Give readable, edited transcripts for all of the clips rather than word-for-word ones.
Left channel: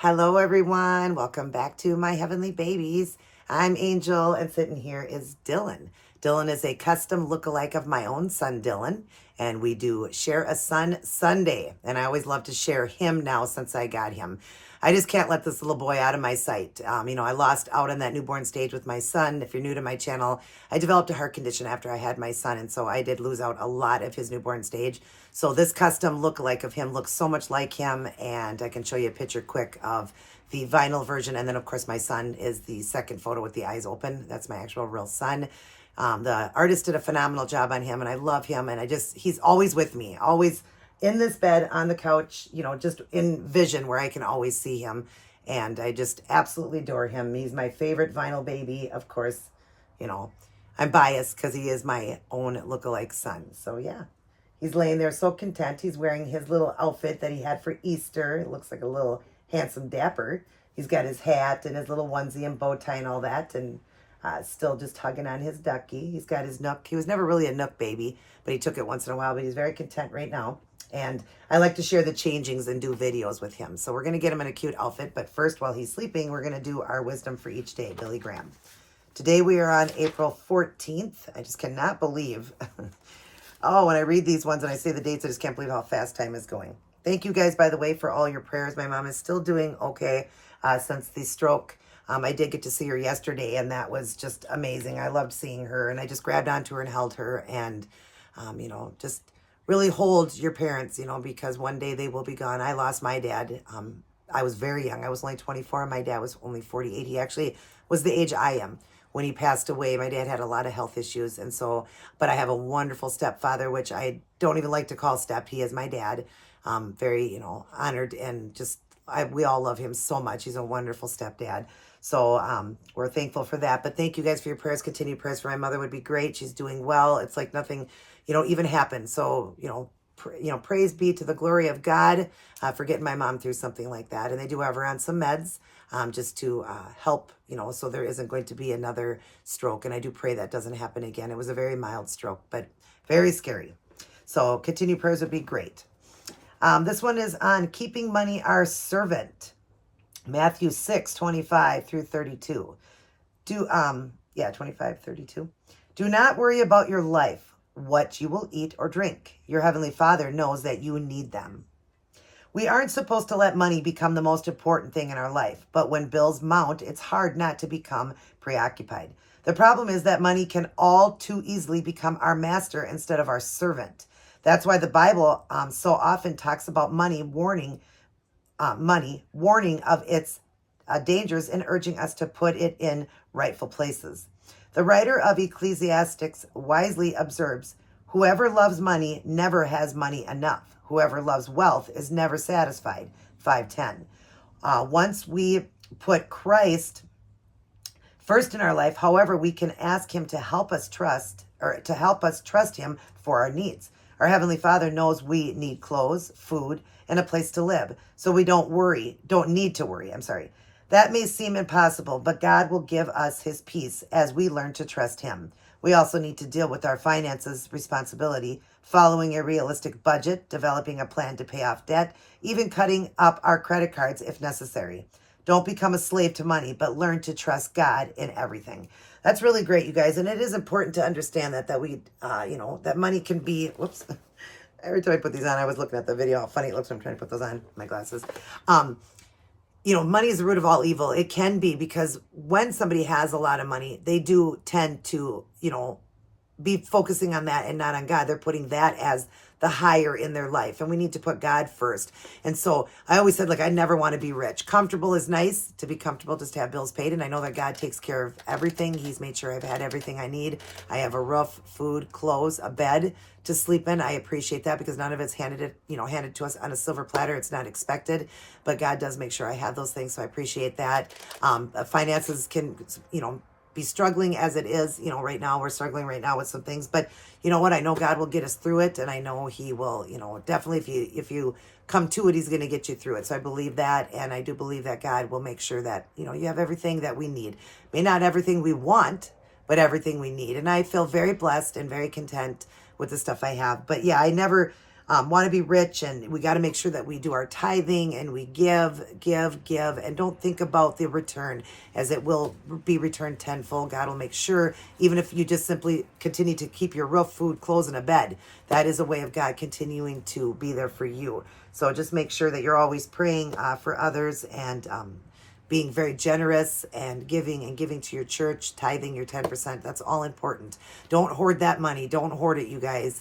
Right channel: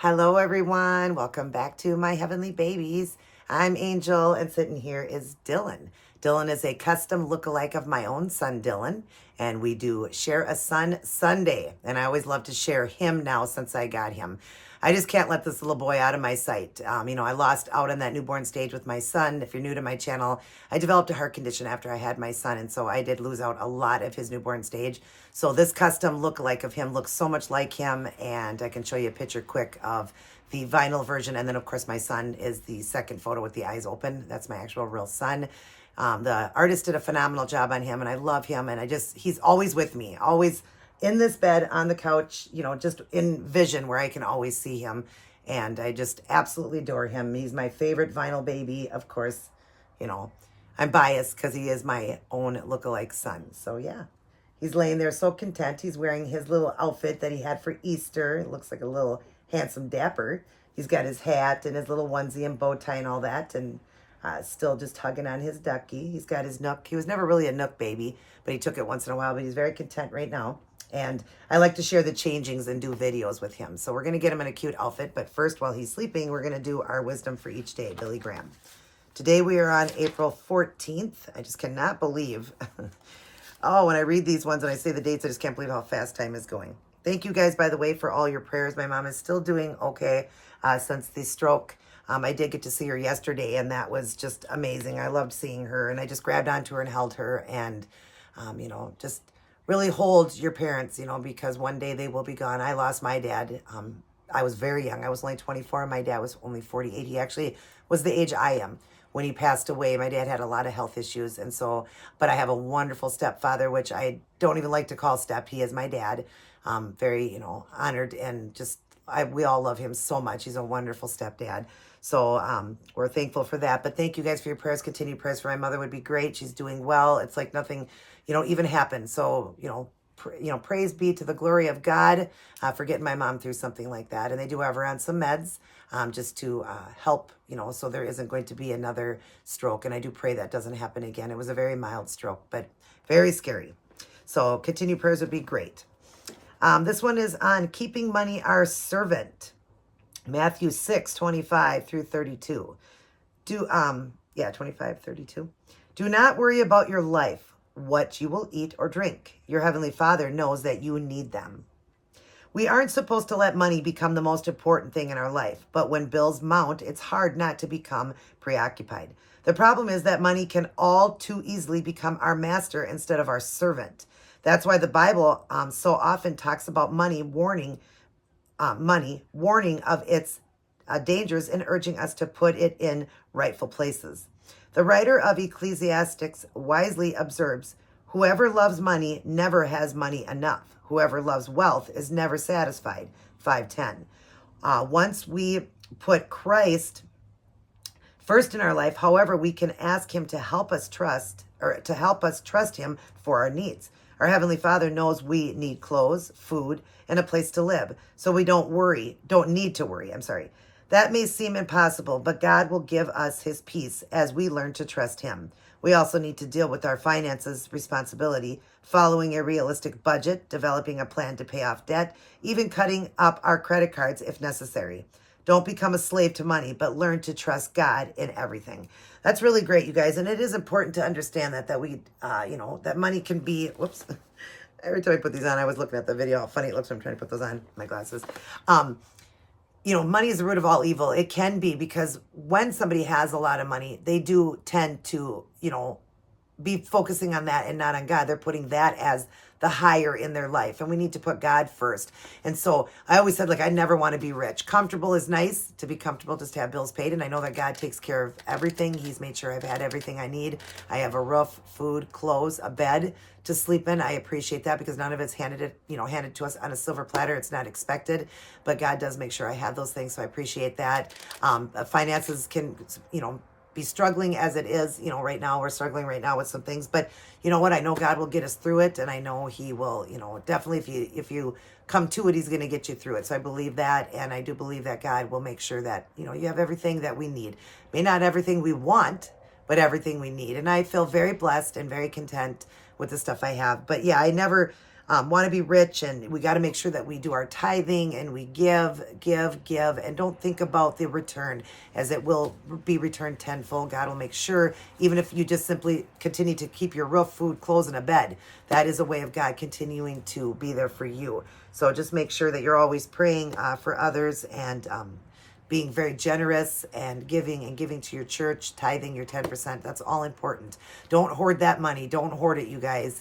Hello, everyone. Welcome back to my heavenly babies. I'm Angel, and sitting here is Dylan. Dylan is a custom lookalike of my own son, Dylan, and we do Share a Son Sunday. And I always love to share him now since I got him. I just can't let this little boy out of my sight. I lost out on that newborn stage with my son. If you're new to my channel, I developed a heart condition after I had my son, and so I did lose out a lot of his newborn stage. So this custom lookalike of him looks so much like him, and I can show you a picture quick of the vinyl version. And then, of course, my son is the second photo with the eyes open. That's my actual real son. The artist did a phenomenal job on him, and I love him. And he's always with me, always in this bed, on the couch, just in vision where I can always see him. And I just absolutely adore him. He's my favorite vinyl baby. Of course, I'm biased because he is my own lookalike son. So yeah, he's laying there so content. He's wearing his little outfit that he had for Easter. It looks like a little handsome dapper. He's got his hat and his little onesie and bow tie and all that, and still just hugging on his ducky. He's got his nook. He was never really a nook baby, but he took it once in a while, but he's very content right now. And I like to share the changings and do videos with him. So we're going to get him in a cute outfit. But first, while he's sleeping, we're going to do our wisdom for each day, Billy Graham. Today we are on April 14th. I just cannot believe. Oh, when I read these ones and I say the dates, I just can't believe how fast time is going. Thank you guys, by the way, for all your prayers. My mom is still doing okay since the stroke. I did get to see her yesterday, and that was just amazing. I loved seeing her, and I just grabbed onto her and held her, and, just really hold your parents, because one day they will be gone. I lost my dad. I was very young. I was only 24, and my dad was only 48. He actually was the age I am when he passed away. My dad had a lot of health issues, but I have a wonderful stepfather, which I don't even like to call step. He is my dad. Very, honored, and we all love him so much. He's a wonderful stepdad. So we're thankful for that. But thank you guys for your prayers. Continued prayers for my mother would be great. She's doing well. It's like nothing, even happened. So, praise be to the glory of God for getting my mom through something like that. And they do have her on some meds just to help, so there isn't going to be another stroke. And I do pray that doesn't happen again. It was a very mild stroke, but very scary. So continued prayers would be great. This one is on keeping money our servant. Matthew 6:25 through 32. 25:32. Do not worry about your life, what you will eat or drink. Your heavenly Father knows that you need them. We aren't supposed to let money become the most important thing in our life, but when bills mount, it's hard not to become preoccupied. The problem is that money can all too easily become our master instead of our servant. That's why the Bible so often talks about money, warning of its dangers and urging us to put it in rightful places. The writer of Ecclesiastes wisely observes, whoever loves money never has money enough. Whoever loves wealth is never satisfied. 5:10. Once we put Christ first in our life, however, we can ask him to help us trust him for our needs. Our Heavenly Father knows we need clothes, food, and a place to live, so we don't need to worry. That may seem impossible, but God will give us his peace as we learn to trust him. We also need to deal with our finances responsibility, following a realistic budget, developing a plan to pay off debt, even cutting up our credit cards if necessary. Don't become a slave to money, but learn to trust God in everything. That's really great, you guys. And it is important to understand that we, that money can be, whoops. Every time I put these on, I was looking at the video, how funny it looks when I'm trying to put those on, my glasses. Money is the root of all evil. It can be, because when somebody has a lot of money, they do tend to, be focusing on that and not on God. They're putting that as the higher in their life. And we need to put God first. And so I always said, I never want to be rich. Comfortable is nice, to be comfortable, just to have bills paid. And I know that God takes care of everything. He's made sure I've had everything I need. I have a roof, food, clothes, a bed to sleep in. I appreciate that, because none of it's handed to us on a silver platter. It's not expected, but God does make sure I have those things. So I appreciate that. Finances can, be struggling as it is, right now. We're struggling right now with some things, but you know what? I know God will get us through it, and I know he will, definitely, if you come to it, he's going to get you through it. So I believe that, and I do believe that God will make sure that, you have everything that we need. May not everything we want, but everything we need. And I feel very blessed and very content with the stuff I have. But yeah, I never want to be rich, and we got to make sure that we do our tithing and we give, and don't think about the return, as it will be returned tenfold. God will make sure, even if you just simply continue to keep your roof, food, clothes, and a bed, that is a way of God continuing to be there for you. So just make sure that you're always praying for others, and being very generous and giving to your church, tithing your 10%. That's all important. Don't hoard that money. Don't hoard it, you guys.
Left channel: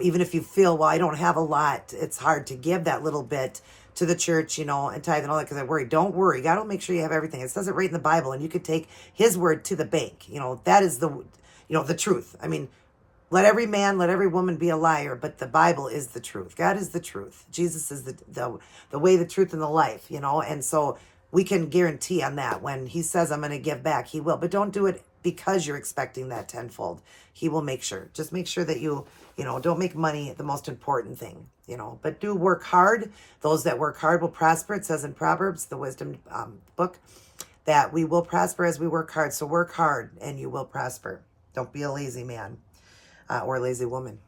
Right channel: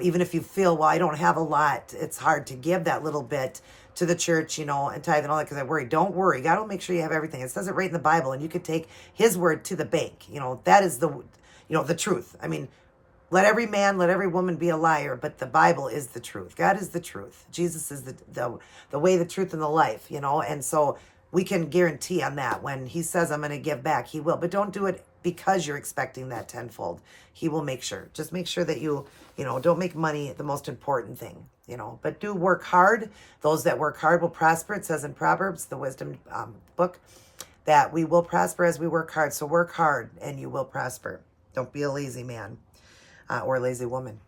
Even if you feel, well, I don't have a lot, it's hard to give that little bit to the church, and tithe and all that, because I worry. Don't worry. God will make sure you have everything. It says it right in the Bible, and you could take his word to the bank. That is the truth. I mean, let every man, let every woman be a liar, but the Bible is the truth. God is the truth. Jesus is the way, the truth, and the life, and so we can guarantee on that. When he says, I'm going to give back, he will. But don't do it because you're expecting that tenfold. He will make sure. Just make sure that you don't make money the most important thing, but do work hard. Those that work hard will prosper. It says in Proverbs, the wisdom book, that we will prosper as we work hard. So work hard and you will prosper. Don't be a lazy man or a lazy woman.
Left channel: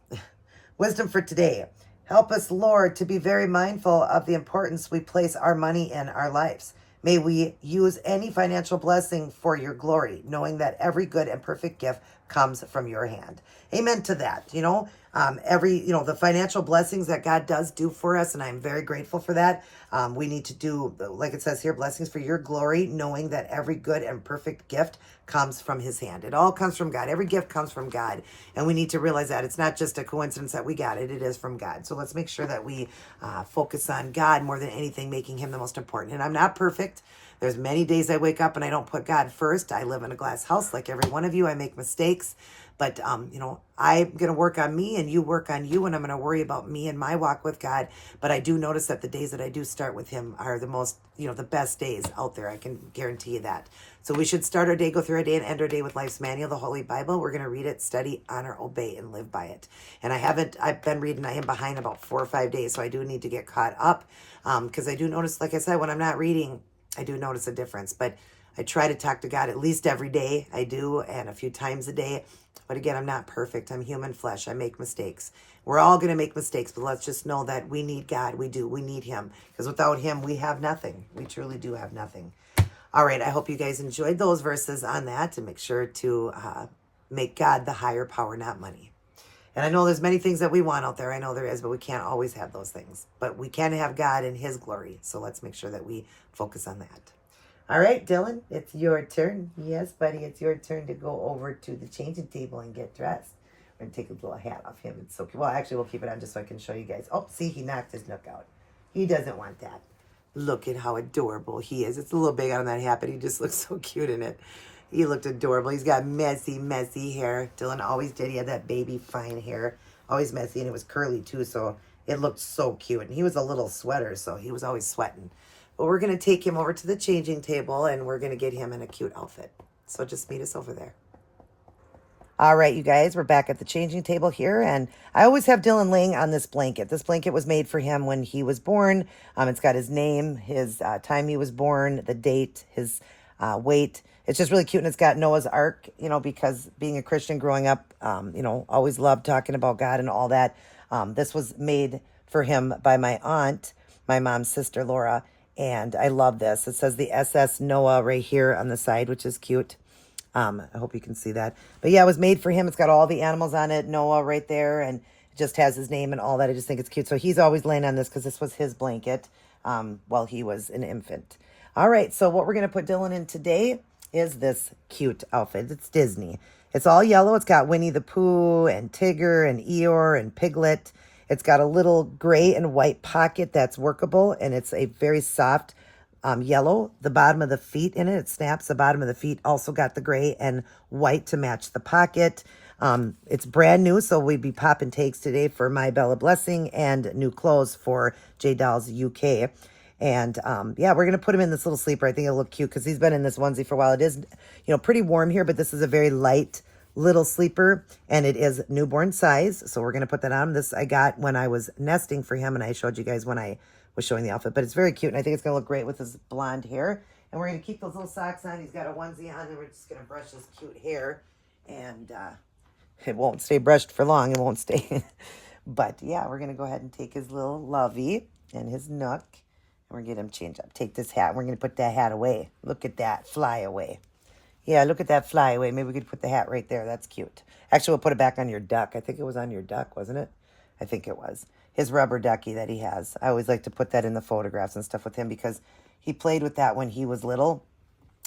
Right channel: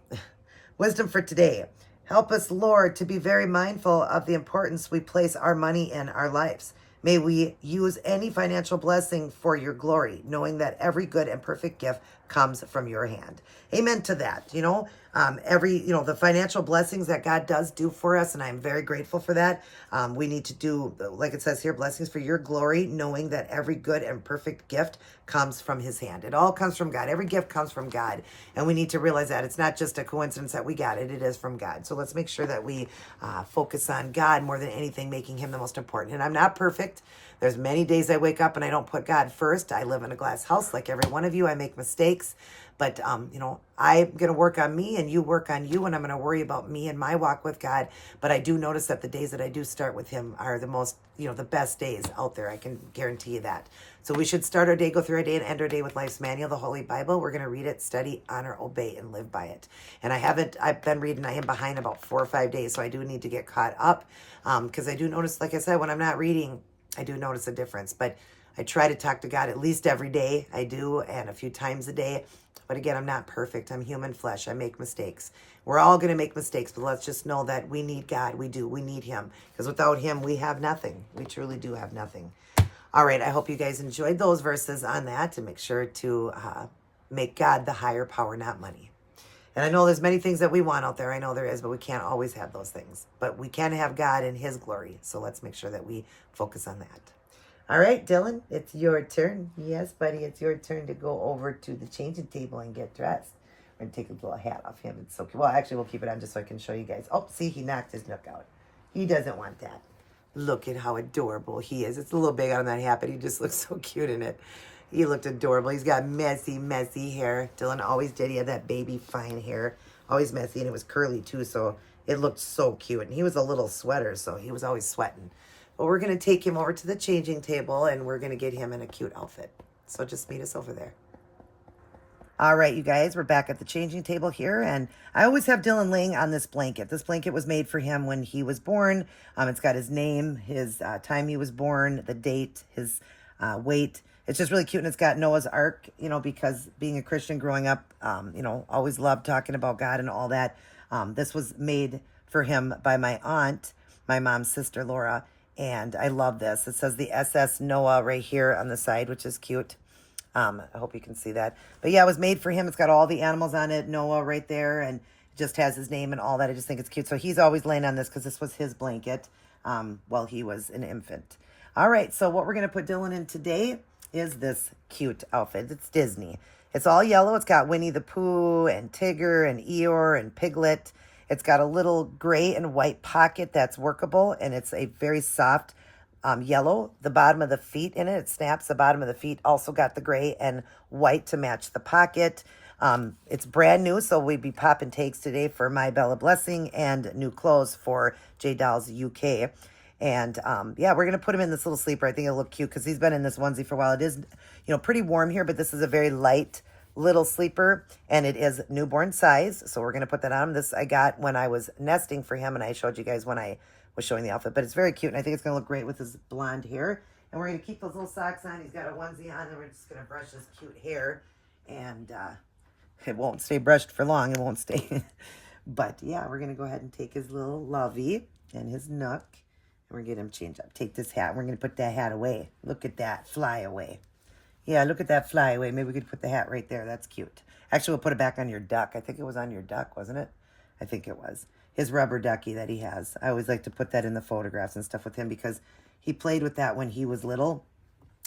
Wisdom for today. Help us, Lord, to be very mindful of the importance we place our money in our lives. May we use any financial blessing for your glory, knowing that every good and perfect gift comes from your hand. Amen to that. The financial blessings that God does do for us, and I'm very grateful for that. We need to do, like it says here, blessings for your glory, knowing that every good and perfect gift comes from his hand. It all comes from God. Every gift comes from God. And we need to realize that it's not just a coincidence that we got it. It is from God. So let's make sure that we focus on God more than anything, making him the most important. And I'm not perfect. There's many days I wake up and I don't put God first. I live in a glass house like every one of you. I make mistakes. But, I'm going to work on me and you work on you, and I'm going to worry about me and my walk with God. But I do notice that the days that I do start with him are the most, the best days out there. I can guarantee you that. So we should start our day, go through our day, and end our day with Life's Manual, the Holy Bible. We're going to read it, study, honor, obey, and live by it. And I've been reading, I am behind about 4 or 5 days, so I do need to get caught up. Because I do notice, like I said, when I'm not reading, I do notice a difference. But I try to talk to God at least every day. I do, and a few times a day. But again, I'm not perfect. I'm human flesh. I make mistakes. We're all going to make mistakes, but let's just know that we need God. We do. We need him. Because without him, we have nothing. We truly do have nothing. All right. I hope you guys enjoyed those verses on that, and make sure to make God the higher power, not money. And I know there's many things that we want out there. I know there is, but we can't always have those things. But we can have God in his glory. So let's make sure that we focus on that. All right, Dylan, it's your turn. Yes, buddy, it's your turn to go over to the changing table and get dressed. We're going to take a little hat off him. It's so cute. Well, actually, we'll keep it on just so I can show you guys. Oh, see, he knocked his nook out. He doesn't want that. Look at how adorable he is. It's a little big on that hat, but he just looks so cute in it. He looked adorable. He's got messy, messy hair. Dylan always did. He had that baby fine hair. Always messy, and it was curly, too, so it looked so cute. And he was a little sweater, so he was always sweating. But we're going to take him over to the changing table, and we're going to get him in a cute outfit. So just meet us over there. All right, you guys, we're back at the changing table here, and I always have Dylan laying on this blanket. This blanket was made for him when he was born. It's got his name, his time he was born, the date, his weight. It's just really cute, and it's got Noah's Ark, because being a Christian growing up, always loved talking about God and all that. This was made for him by my aunt, my mom's sister, Laura. And I love this. It says the SS Noah right here on the side, which is cute. I hope you can see that. But yeah, it was made for him. It's got all the animals on it. Noah right there. And it just has his name and all that. I just think it's cute. So he's always laying on this because this was his blanket while he was an infant. All right. So what we're going to put Dylan in today is this cute outfit. It's Disney. It's all yellow. It's got Winnie the Pooh and Tigger and Eeyore and Piglet. It's got a little gray and white pocket that's workable, and it's a very soft yellow. The bottom of the feet in it, it snaps. The bottom of the feet also got the gray and white to match the pocket. It's brand new, so we'd be popping takes today for My Bella Blessing and new clothes for J Dolls UK. And yeah, we're going to put him in this little sleeper. I think it'll look cute because he's been in this onesie for a while. It is, pretty warm here, but this is a very light little sleeper, and it is newborn size, so we're going to put that on. This I got when I was nesting for him, and I showed you guys when I was showing the outfit, but it's very cute, and I think it's going to look great with his blonde hair. And we're going to keep those little socks on. He's got a onesie on, and we're just going to brush his cute hair, and it won't stay brushed for long. It won't stay But yeah, we're going to go ahead and take his little lovey and his nook. And we're going to get him changed up. Take this hat. We're going to put that hat away. Look at that. Fly away. Yeah, look at that fly away. Maybe we could put the hat right there. That's cute. Actually, we'll put it back on your duck. I think it was on your duck, wasn't it? I think it was. His rubber ducky that he has. I always like to put that in the photographs and stuff with him because he played with that when he was little.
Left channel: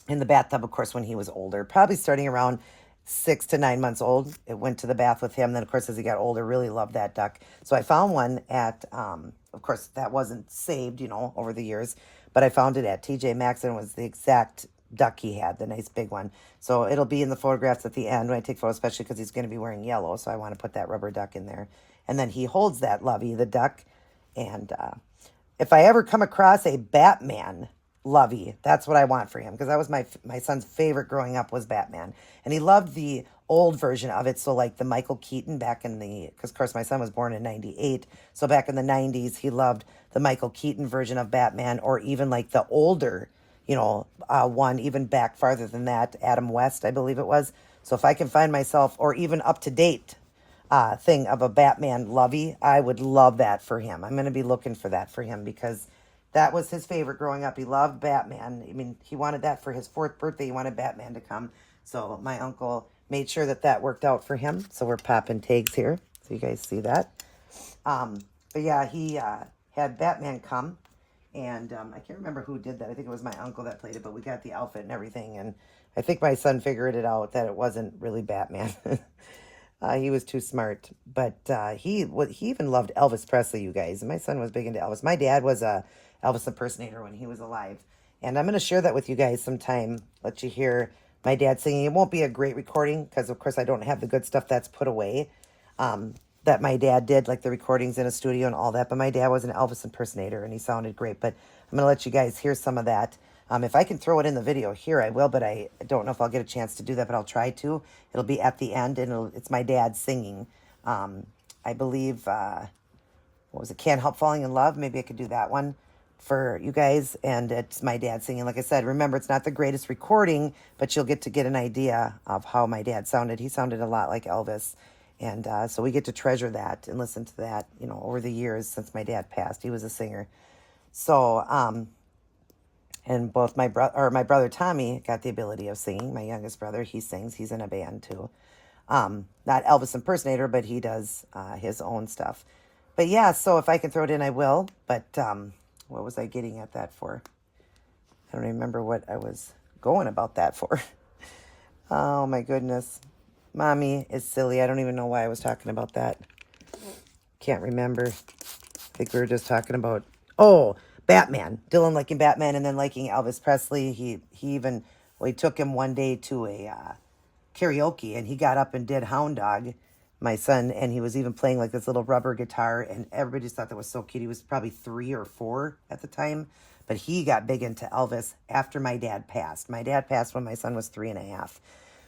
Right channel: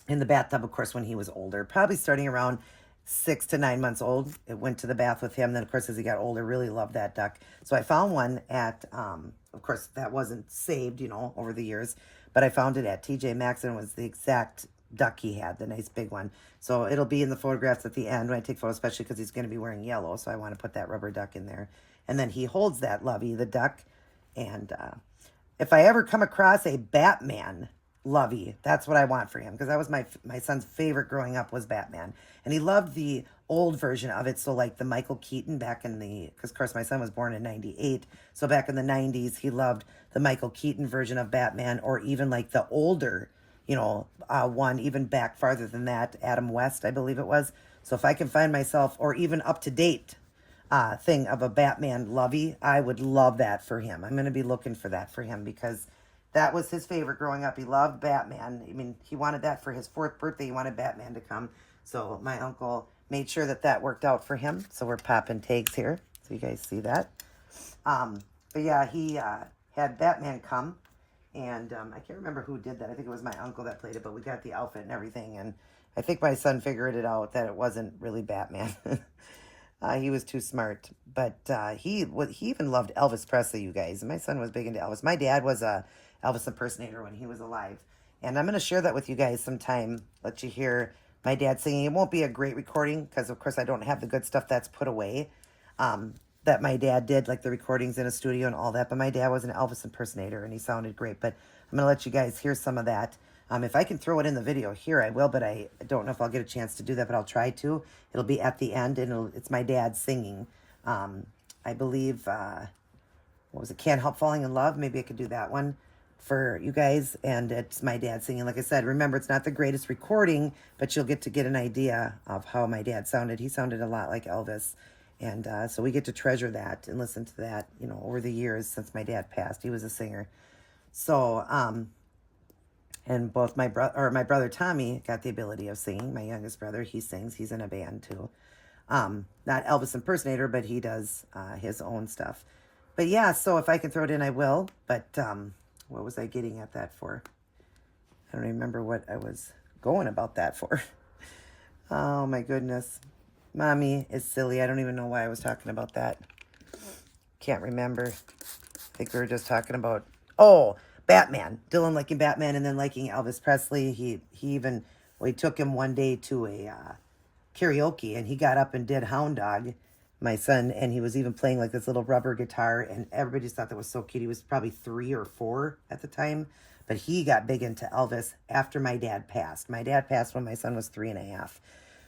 In the bathtub, of course, when he was older. Probably starting around 6 to 9 months old. It went to the bath with him. Then, of course, as he got older, really loved that duck. So I found one at, of course, that wasn't saved, over the years. But I found it at TJ Maxx, and it was the exact duck he had, the nice big one. So it'll be in the photographs at the end when I take photos, especially because he's going to be wearing yellow. So I want to put that rubber duck in there. And then he holds that lovey, the duck. And if I ever come across a Batman lovey, that's what I want for him, because that was my son's favorite growing up was Batman. And he loved the old version of it. So like the Michael Keaton back in because of course my son was born in 98. So back in the 90s, he loved the Michael Keaton version of Batman, or even like the older one, even back farther than that, Adam West, I believe it was. So if I can find myself, or even up to date thing of a Batman lovey, I would love that for him. I'm going to be looking for that for him because that was his favorite growing up. He loved Batman. I mean, he wanted that for his 4th birthday. He wanted Batman to come. So my uncle made sure that worked out for him. So we're popping tags here, so you guys see that. But yeah, he had Batman come. And I can't remember who did that. I think it was my uncle that played it, but we got the outfit and everything. And I think my son figured it out that it wasn't really Batman. He was too smart. But he even loved Elvis Presley, you guys. And my son was big into Elvis. My dad was a Elvis impersonator when he was alive. And I'm going to share that with you guys sometime. Let you hear my dad singing. It won't be a great recording because, of course, I don't have the good stuff that's put away. That my dad did, like the recordings in a studio and all that. But my dad was an Elvis impersonator, and he sounded great. But I'm going to let you guys hear some of that. If I can throw it in the video here, I will, but I don't know if I'll get a chance to do that, but I'll try to. It'll be at the end, and it's my dad singing. I believe, what was it, Can't Help Falling in Love? Maybe I could do that one for you guys. And it's my dad singing. Like I said, remember, it's not the greatest recording, but you'll get to get an idea of how my dad sounded. He sounded a lot like Elvis. And so we get to treasure that and listen to that, over the years since my dad passed. He was a singer. So, and both my brother Tommy got the ability of singing. My youngest brother, he sings. He's in a band too. Not Elvis impersonator, but he does his own stuff. But yeah, so if I can throw it in, I will. But what was I getting at that for? I don't even remember what I was going about that for. Oh my goodness. Mommy is silly. I don't even know why I was talking about that. Can't remember. I think we were just talking about, Batman. Dylan liking Batman and then liking Elvis Presley. He took him one day to a karaoke, and he got up and did Hound Dog, my son, and he was even playing like this little rubber guitar, and everybody just thought that was so cute. He was probably 3 or 4 at the time, but he got big into Elvis after my dad passed. My dad passed when my son was 3.5.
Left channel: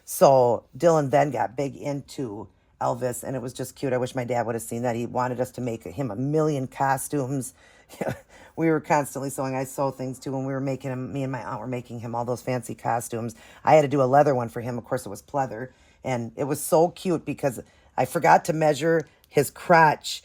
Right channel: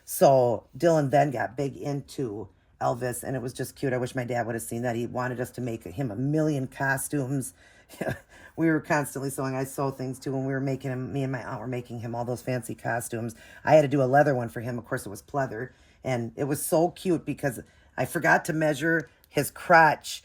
So Dylan then got big into Elvis, and it was just cute. I wish my dad would have seen that. He wanted us to make him a million costumes. We were constantly sewing. I sew things too, and we were making him, me and my aunt were making him all those fancy costumes. I had to do a leather one for him. Of course, it was pleather, and it was so cute because I forgot to measure his crotch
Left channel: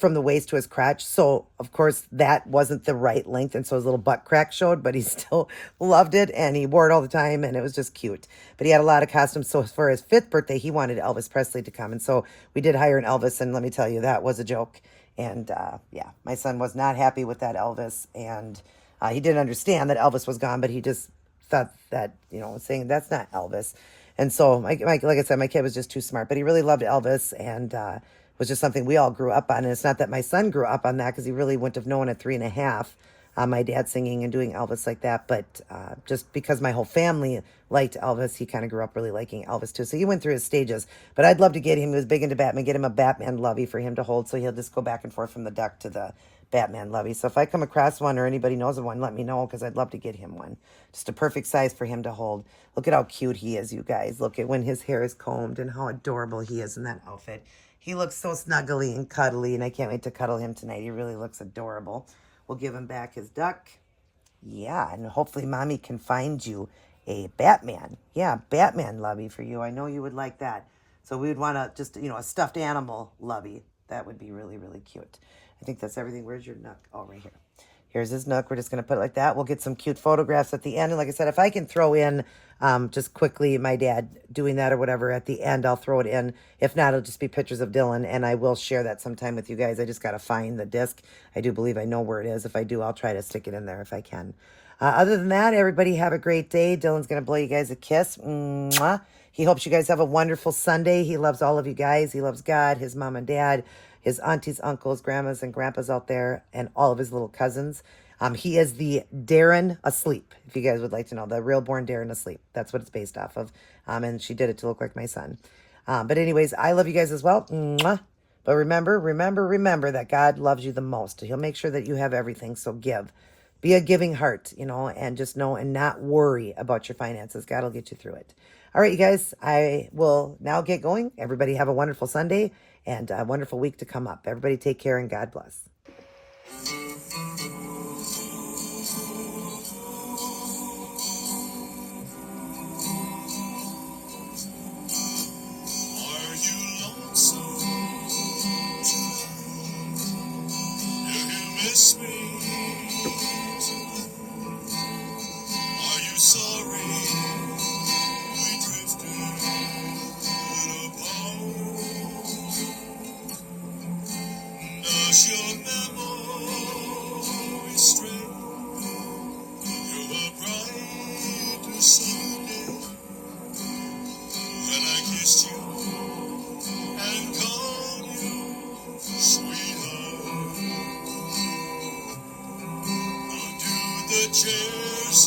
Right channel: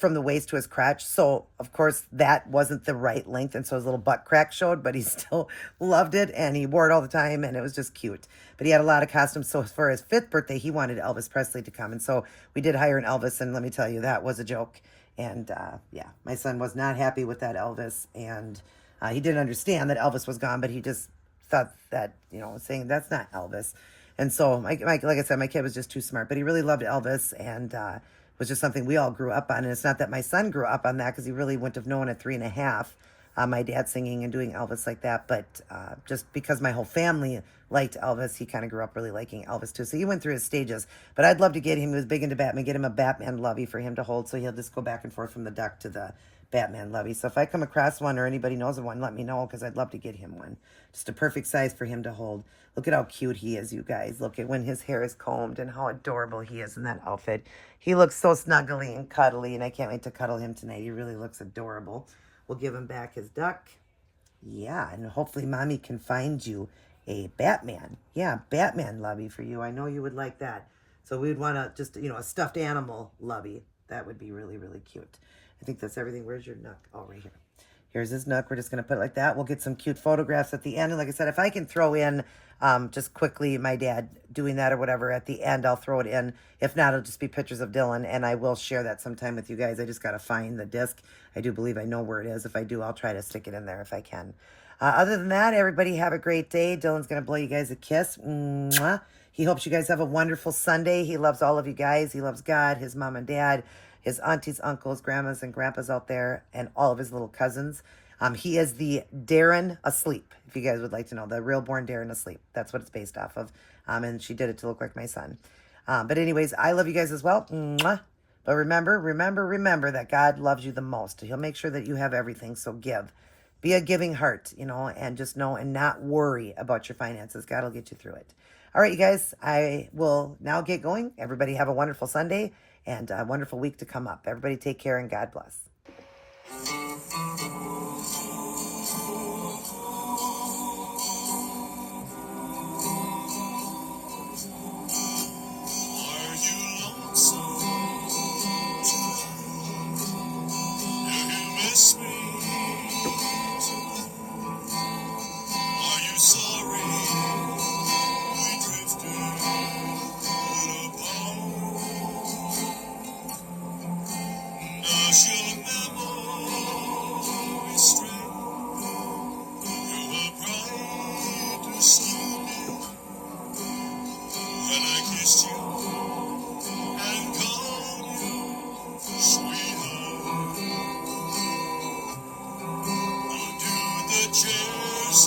from the waist to his crotch. So, of course, that wasn't the right length. And so his little butt crack showed, but he still loved it. And he wore it all the time. And it was just cute. But he had a lot of costumes. So for his 5th birthday, he wanted Elvis Presley to come. And so we did hire an Elvis. And let me tell you, that was a joke. And yeah, my son was not happy with that Elvis. And he didn't understand that Elvis was gone. But he just thought that, saying that's not Elvis. And so, like I said, my kid was just too smart. But he really loved Elvis. And was just something we all grew up on. And it's not that my son grew up on that, because he really wouldn't have known at 3.5, my dad singing and doing Elvis like that. But just because my whole family liked Elvis, he kind of grew up really liking Elvis too. So he went through his stages. But I'd love to get him, he was big into Batman, get him a Batman lovey for him to hold. So he'll just go back and forth from the duck to the Batman lovey. So if I come across one or anybody knows of one, let me know, because I'd love to get him one. Just a perfect size for him to hold. Look at how cute he is, you guys. Look at when his hair is combed and how adorable he is in that outfit. He looks so snuggly and cuddly, and I can't wait to cuddle him tonight. He really looks adorable. We'll give him back his duck. Yeah, and hopefully Mommy can find you a Batman. Yeah, Batman lovey for you. I know you would like that. So we would want to just, a stuffed animal lovey. That would be really, really cute. I think that's everything. Where's your nook? Oh, right here. Here's his nook. We're just going to put it like that. We'll get some cute photographs at the end. And like I said, if I can throw in just quickly my dad doing that or whatever at the end, I'll throw it in. If not, it'll just be pictures of Dylan, and I will share that sometime with you guys. I just got to find the disc. I do believe I know where it is. If I do, I'll try to stick it in there if I can. Other than that, everybody have a great day. Dylan's going to blow you guys a kiss. Mwah. He hopes you guys have a wonderful Sunday. He loves all of you guys. He loves God, his mom and dad, his aunties, uncles, grandmas, and grandpas out there, and all of his little cousins. He is the Darren asleep, if you guys would like to know, the Reborn Darren asleep. That's what it's based off of. And she did it to look like my son. But anyways, I love you guys as well. Mwah. But remember that God loves you the most. He'll make sure that you have everything. So give. Be a giving heart, and just know and not worry about your finances. God will get you through it. All right, you guys, I will now get going. Everybody have a wonderful Sunday and a wonderful week to come up. Everybody take care and God bless. Are you lonesome? Do you miss me? Are you sorry we drifted apart? Does your memory stray through a brighter Sunday when I kissed you and called you sweetheart? Or do the chairs